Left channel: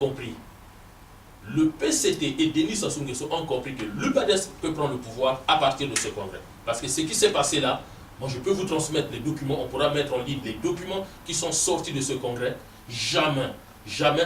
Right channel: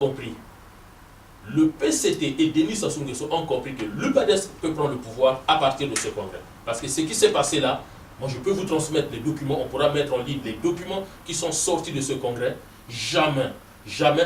compris. Le PCT et Denis Sassou Nguesso ont compris que l'UPADES peut prendre le pouvoir à partir de ce congrès. Parce que ce qui s'est passé là, moi je peux vous transmettre les documents, on pourra mettre en ligne les documents qui sont sortis de ce congrès. Jamais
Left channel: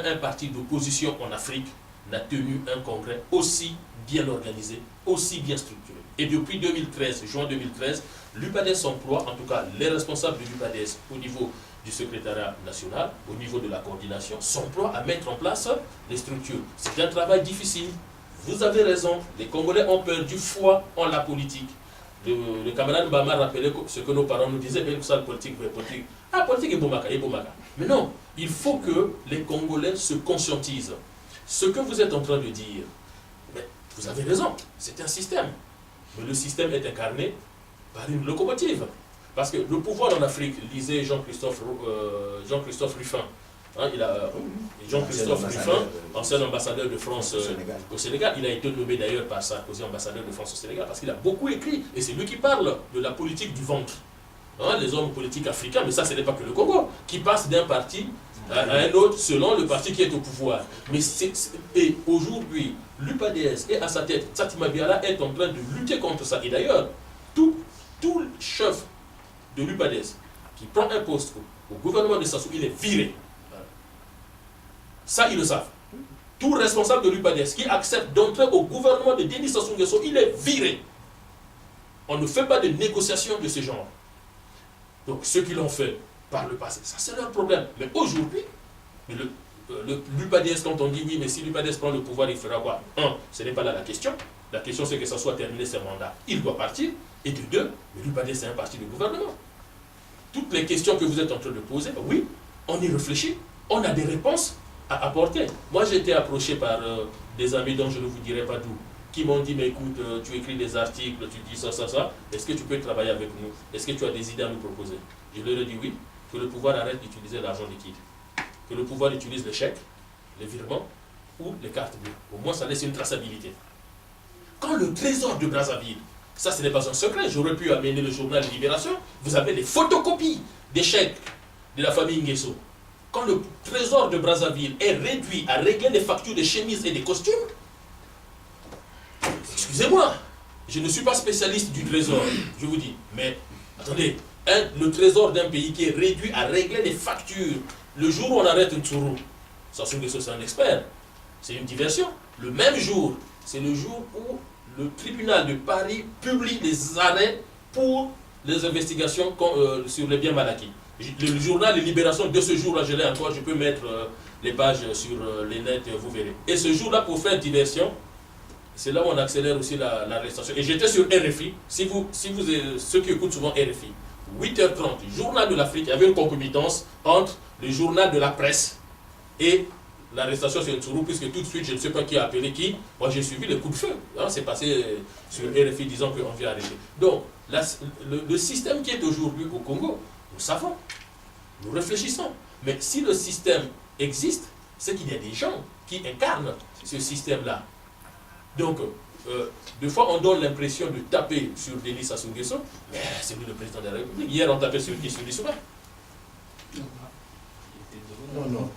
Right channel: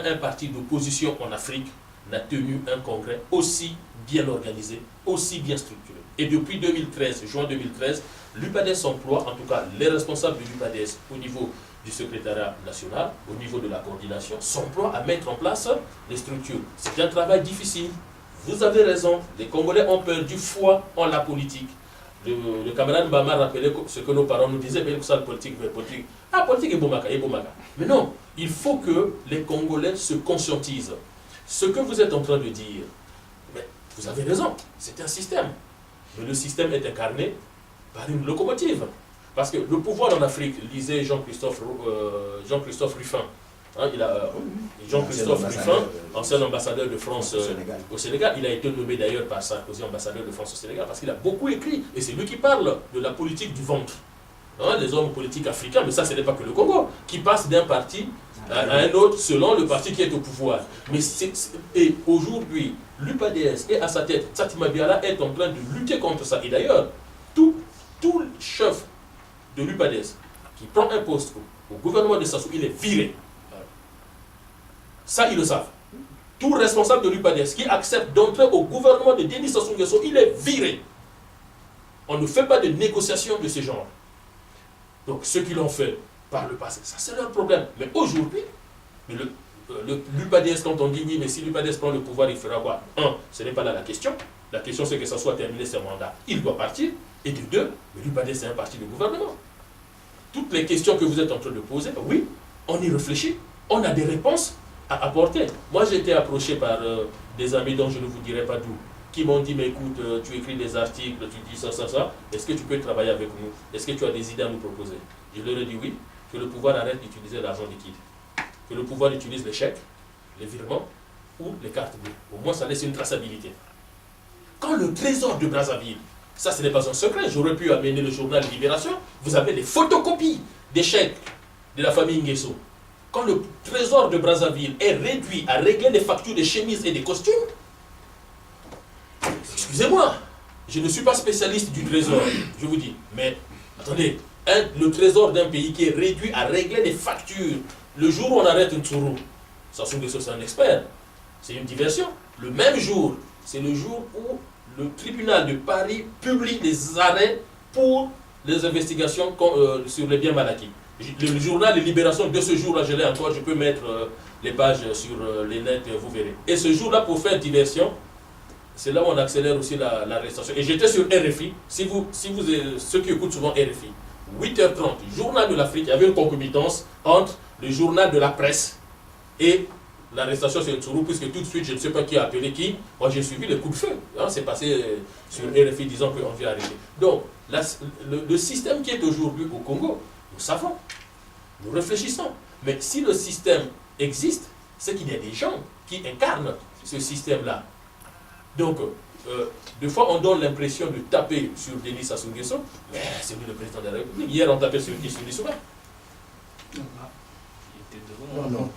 un parti d'opposition en Afrique n'a tenu un congrès aussi bien organisé, aussi bien structuré. Et depuis 2013, juin 2013, l'UPADES emploie, en tout cas les responsables de l'UPADES au niveau du secrétariat national, au niveau de la coordination, s'emploient à mettre en place les structures. C'est un travail difficile. Vous avez raison, les Congolais ont perdu foi en la politique. Le camarade Bama rappelait ce que nos parents nous disaient, mais ça, la politique, politique. Ah, politique est bomaka, est bomaka. Mais non, il faut que les Congolais se conscientisent. Ce que vous êtes en train de dire, mais vous avez raison, c'est un système. Mais le système est incarné par une locomotive. Parce que le pouvoir en Afrique, lisez Jean-Christophe Ruffin, hein, Jean-Christophe Ruffin, ancien ambassadeur de France au Sénégal, il a été nommé d'ailleurs par Sarkozy ambassadeur de France au Sénégal, parce qu'il a beaucoup écrit, et c'est lui qui parle de la politique du ventre. Hein, les hommes politiques africains, mais ça ce n'est pas que le Congo, qui passe d'un parti à un autre selon le parti qui est au pouvoir. Mais et aujourd'hui, l'UPADES est à sa tête, Tsati Mabila est en train de lutter contre ça. Et d'ailleurs, tout chef de l'UPADES qui prend un poste au gouvernement de Sassou, il est viré. Ça, ils le savent. Tout responsable de l'UPADES qui accepte d'entrer au gouvernement de Denis Sassou Nguesso, il est viré. On ne fait pas de négociation de ce genre. Donc, ceux qui l'ont fait par le passé, ça c'est leur problème. Mais aujourd'hui, l'UPADES, quand on dit oui, mais si l'UPADES prend le pouvoir, il fera quoi? Un, ce n'est pas là la question. La question, c'est que ça soit terminé ses mandats. Il doit partir. Et de deux, mais l'UPADES, c'est un parti de gouvernement. Toutes les questions que vous êtes en train de poser, oui, on y réfléchit. On a des réponses à apporter. Moi, j'ai été approché par des amis dont je ne vous dirai pas d'où, qui m'ont dit, mais écoute, tu écris des articles, tu dis ça, est-ce que tu peux travailler avec nous? Est-ce que tu as des idées à nous proposer? Je leur ai dit oui, que le pouvoir arrête d'utiliser l'argent liquide. Que le pouvoir utilise les chèques, les virements ou les cartes bleues. Au moins, ça laisse une traçabilité. Quand le trésor de Brazzaville, ça ce n'est pas un secret, j'aurais pu amener le journal Libération, vous avez des photocopies des chèques de la famille Nguesso. Quand le trésor de Brazzaville est réduit à régler les factures des chemises et des costumes, excusez-moi, je ne suis pas spécialiste du trésor, je vous dis, mais attendez, le trésor d'un pays qui est réduit à régler les factures, le jour où on arrête un Tsuru, Sassou Nguesso c'est un expert, c'est une diversion. Le même jour, c'est le jour où le tribunal de Paris publie des arrêts pour les investigations sur les biens mal acquis. Le journal Libération de ce jour-là, je l'ai encore, je peux mettre les pages sur les nets, vous verrez. Et ce jour-là, pour faire diversion, c'est là où on accélère aussi l'arrestation. Et j'étais sur RFI, ceux qui écoutent souvent RFI, 8h30, journal de l'Afrique, il y avait une concomitance entre le journal de la presse et l'arrestation sur Tsuru, puisque tout de suite, je ne sais pas qui a appelé qui. Moi, j'ai suivi le coup de feu. Hein, c'est passé sur RFI disant qu'on vient arrêter. Donc, le système qui est aujourd'hui au Congo, nous savons, nous réfléchissons. Mais si le système existe, c'est qu'il y a des gens qui incarnent ce système-là. Donc, des fois, on donne l'impression de taper sur Denis Sassou Nguesso, mais c'est lui le président de la République. Hier, on tapait sur Issou N'Issoura. Non.